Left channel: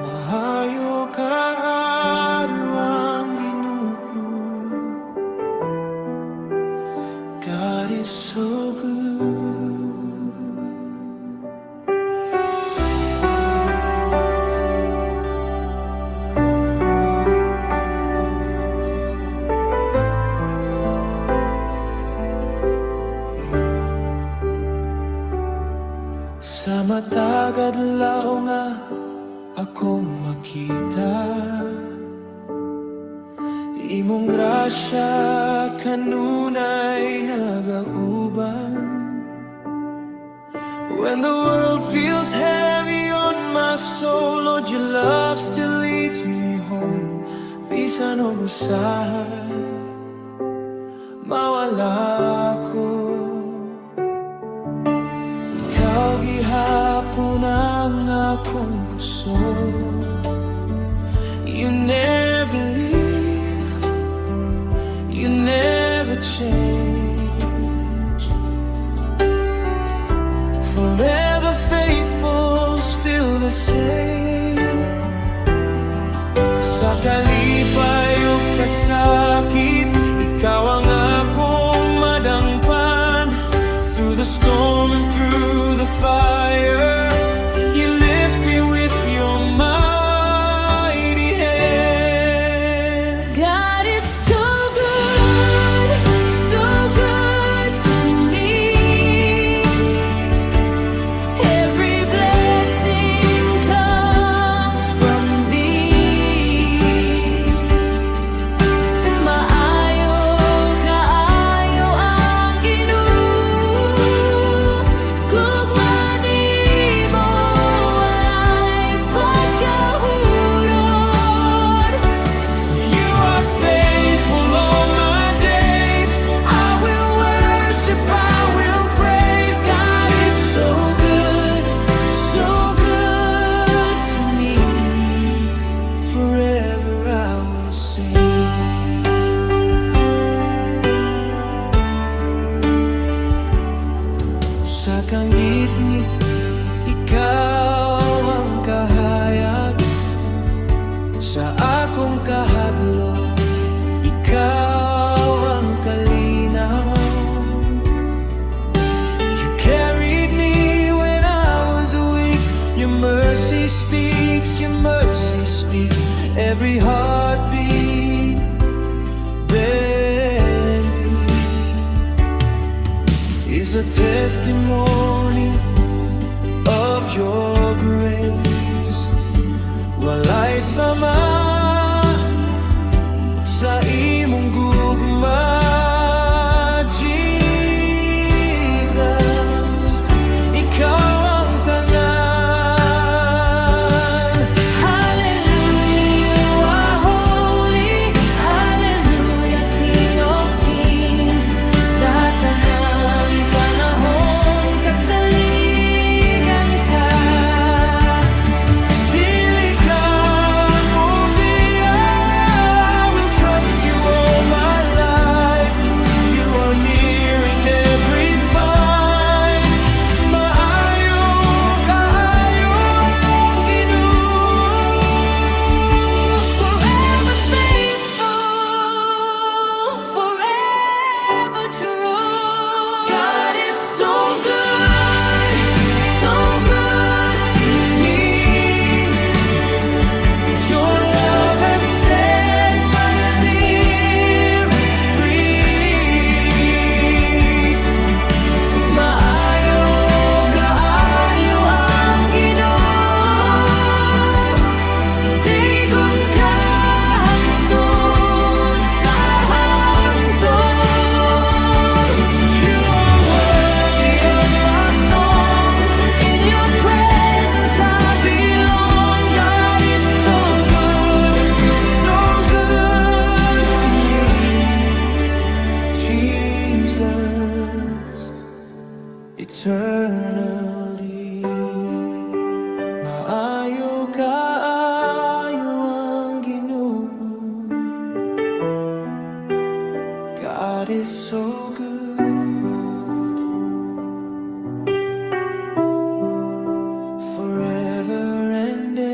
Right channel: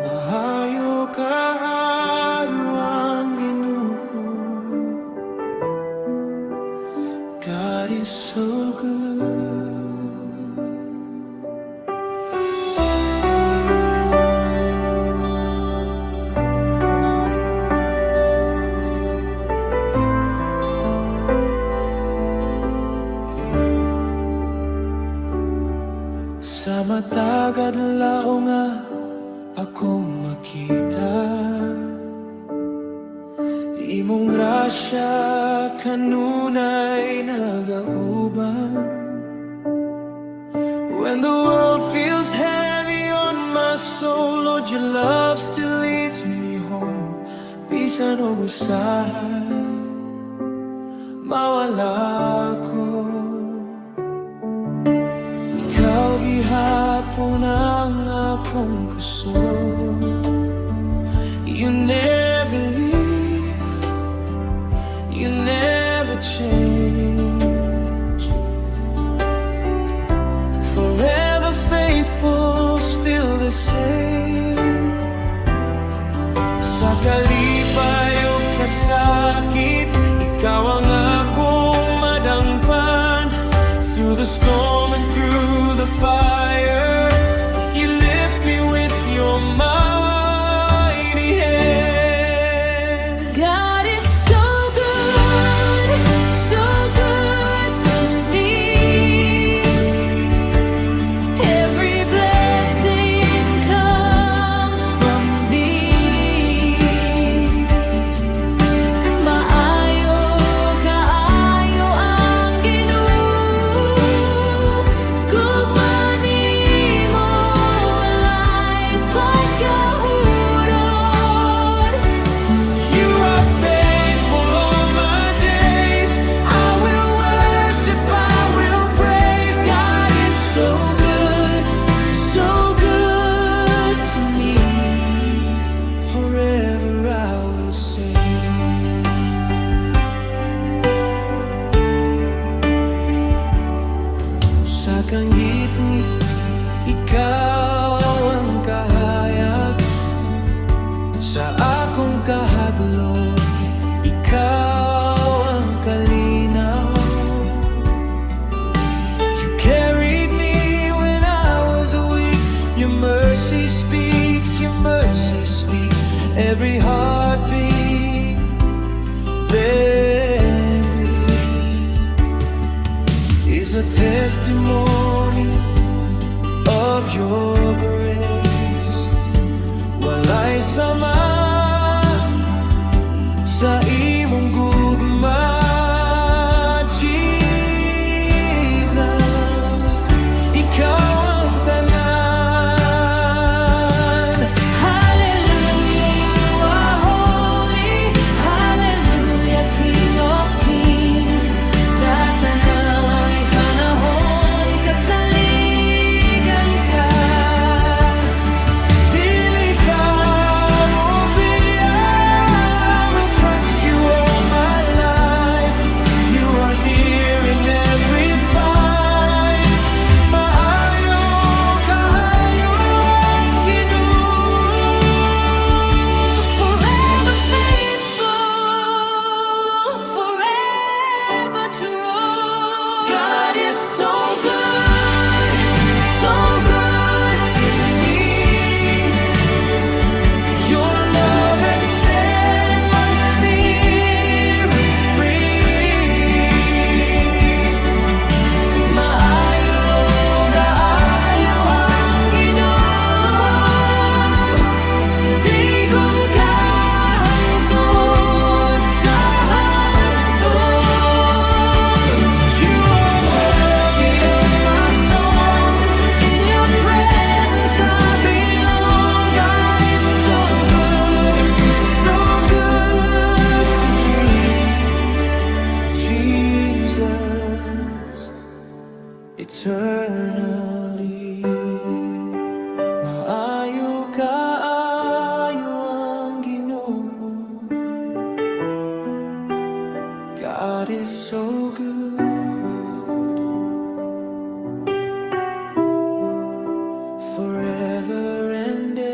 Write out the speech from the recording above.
Maayo Kaayo ang Ginoo. God is so good. Sa matag adlaw nga akong makita, Imong grasya kanunay nagauban. When the world feels heavy on my soul, Lord, your love still leads me home. Bisan og usahay mawala ko, ikaw gihapon ang akong puso. You never leave, you never change. Forever faithful, still the same. Sa kalipay ug kasakit, ikaw ang akong madangpan. Through the storm and through the fire, you lift me with your mighty hand. God is so good to me. Every blessing comes from thee. Maayo Kaayo ang Ginoo. Gugman nimo walay pagkahurot. You are faithful all my days. I will worship, I will praise. God is so good to me. Forever I will sing. Sa kangit-ngit, ikaw ang kahayag. Sa akong kahadlok, ikaw ang kalinaw. You carried me when I was weak. Your mercy speaks, your mercy speaks. Every heartbeat bending is a testimony of your grace. Walay sama sa imong gugma, Jesus. Ikaw ang tanan. Hallelujah, you are holy. Hallelujah, King of Kings. Sa tanang panahon, kasaligan ka. Dili ka mo biya, I will trust you all my life. You are near in every fight. Maayo Kaayo ang Ginoo. Forever faithful, forever true. God is so good to me. Your love has set my spirit free. Maayo Kaayo ang Ginoo. Dagon ka hangtod sa hangtod. You are worthy of my song. In your presence I belong. God is so good to me. Jesus, eternally. Maayo Kaayo ang Ginoo. God is so good. Forever and ever.